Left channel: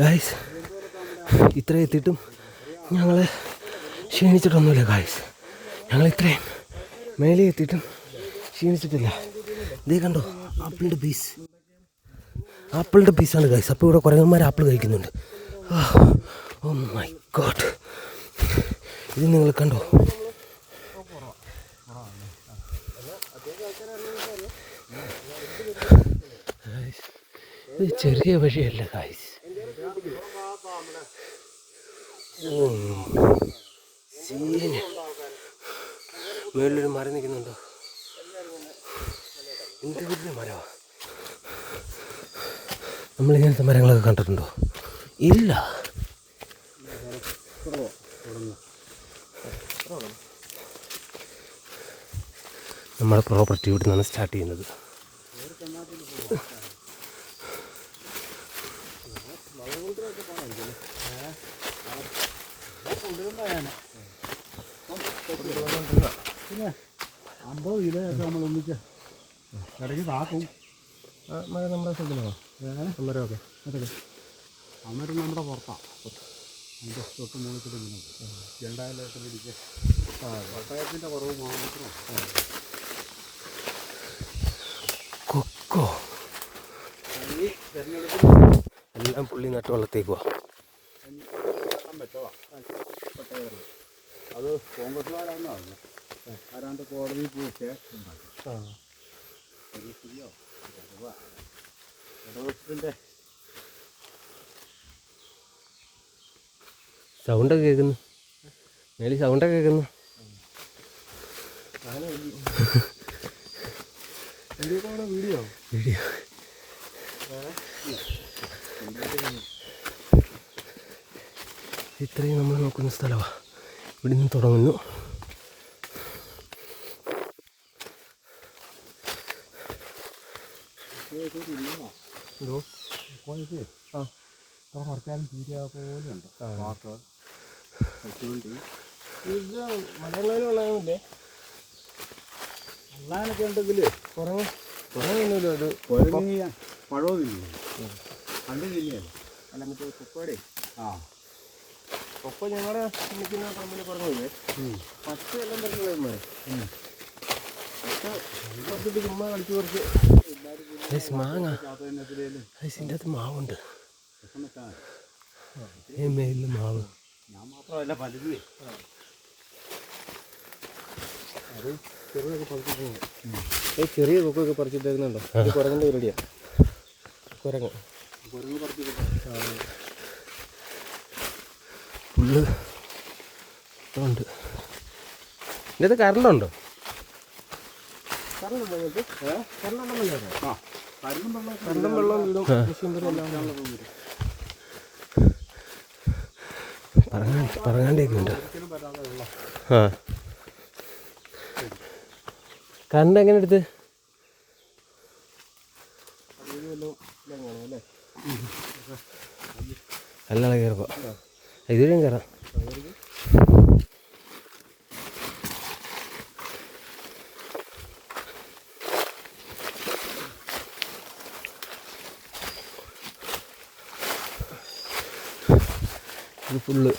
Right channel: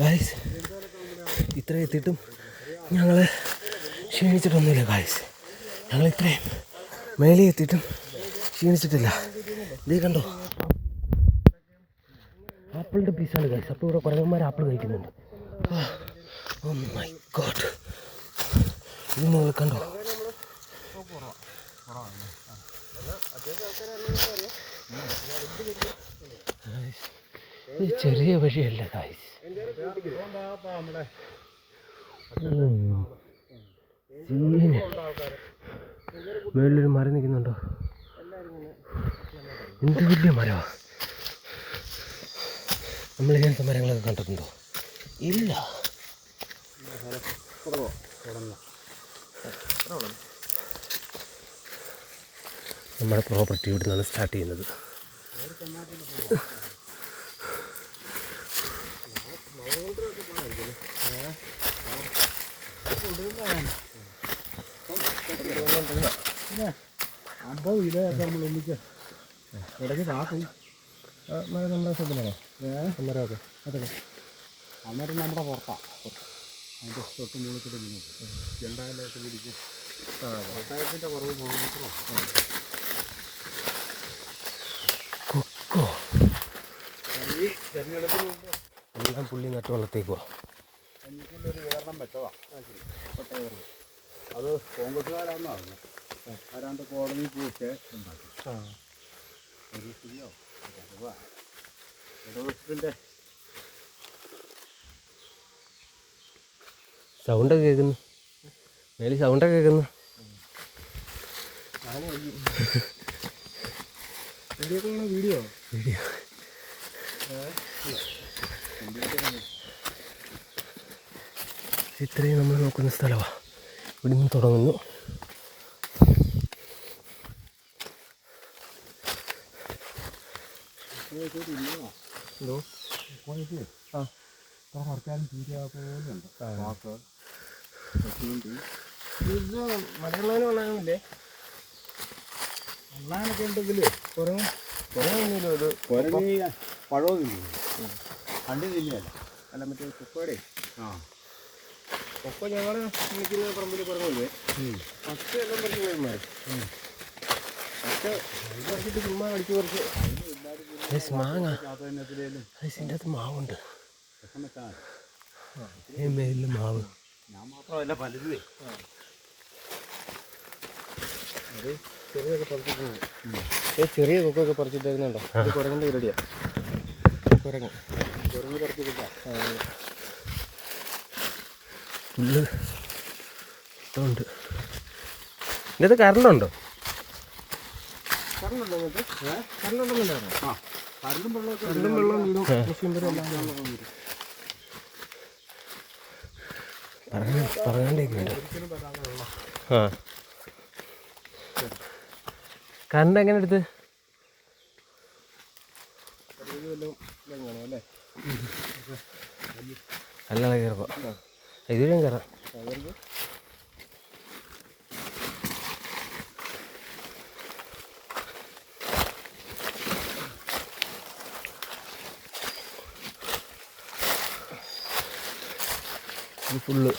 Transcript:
Guys ഇത്ര എത്തിയിട്ടും ഞങ്ങൾ ക്ഷീണിച്ചിട്ടൊന്നുമില്ല guys. ഞങ്ങൾ ഇത്രയും മേലെ എത്തിയിട്ടും ക്ഷീണിച്ചിട്ടില്ല. ഇതേ കണ്ടോ, ആപ്പിളിൻ്റെ പീസാണ് ഗായ്സ്. അപ്പോൾ ഇവിടെ കുരങ്ങന്മാർ ആപ്പിൾ കഴിക്കുന്നുണ്ട്. ഓ മൈ ഗോഡ്, ഇത് നിങ്ങൾ കണ്ടോ? ഇത് ചെറിയ വഴിയല്ല ഗായ്സ്. സീന് മേളിലൊരു മരം നിൽക്കുന്നുണ്ടോ? എന്ത് വലിയ മരമാണ്. നമ്മളിങ്ങനത്തെ മരങ്ങളൊക്കെ കണ്ടിട്ടുണ്ടോ? ഇല്ല. നമ്മുടെ പ്രോപ്പർട്ടി ഇവിടെ നിന്നാണ് സ്റ്റാർട്ട് ചെയ്യുന്നത്. പിന്നെ 50 കിലോ നമ്മൾ ഒന്നിച്ച് ഇടയ്ക്ക് കാക്കും. നമ്മുടെ സ്ഥലത്തിനാണോ മരമൊക്കെ? അതെ, അന്നേരം നമ്മുടെ പുറത്താണ്. അതിൻ്റെ തൊട്ട് മുകളിൽ ചെണ്ടായാലൊക്കെ പിടിച്ച് പട്ടായത്തിൻ്റെ കുറവ് മാത്രം. കൊക്കോ ഈ തെരഞ്ഞെടുപ്പിൽ എല്ലാം പുള്ളി നട്ട് വളർത്തേക്കുക. അത് കോൺഗ്രസ്സുകാരാണെന്നാണ് പറഞ്ഞത്. ആരാണ്ട് കോടതിയിൽ പോയിട്ട് ഇടതുപക്ഷത്തിൻ്റെ സൗണ്ടൊക്കെ കേൾക്കുന്നു. മേലെ സൗണ്ടൊക്കെ കേൾക്കുന്നു. വീഡിയോ ഇത്രയും നമ്മൾ നോക്കുന്ന സ്ഥലമാണ്. ഇവിടെ നിന്ന് തുടങ്ങുന്നു. മലയാളമില്ലേ? അള്ളാനൊക്കെ ഉണ്ടെങ്കിൽ കുറഞ്ഞൊന്നുമില്ല. ഒരു കുരങ്ങി പഴവും തിന്നു. കണ്ടി തിന്നിയല്ല. അല്ല, മറ്റേ കൊക്കോടെ കൊക്കോ ഞങ്ങളുടെ നിൽക്കുന്ന പറമ്പിൽ കുറഞ്ഞത് ഫസ്റ്റ് എല്ലാം പറഞ്ഞു. പക്ഷെ ചുമ്മാ കളിച്ച് കുറച്ച് മാങ്ങ ഇതിൻ്റെ അകത്ത് മാവുണ്ട്. ഈ മേലിൽ മാവ്. ഞാൻ മാത്രമല്ല പലതുവേ. അത് ചെറുതൊക്കെ പറിച്ചിട്ടുണ്ട്. ചെറിയ കൊക്കൊക്കെ പറിച്ചിട്ടേക്കുന്നുണ്ടോ? അത് കുരങ്ങൻ്റെ പരിപാടിയാണ്. കുരങ്ങ് പറിച്ചിട്ടാ ഫുള്ള് ഉണ്ട്. ഇതിൻ്റെ കറണ്ടുണ്ടോ? കറണ്ടുണ്ടോ നിങ്ങൾക്ക്? കറണ്ടുണ്ടെന്നല്ലേ പറഞ്ഞു. കറണ്ടും വെള്ളം വീടും മെഷീൻ വരെ എല്ലാം പറങ്ങാണ്ടേക്ക് ഉണ്ട്. കറണ്ട് എങ്ങനെ എടുത്ത്? അല്ലാതെ കയറപ്പോ ഇതിലും കയറാം. ഇത് ഫുള്ള്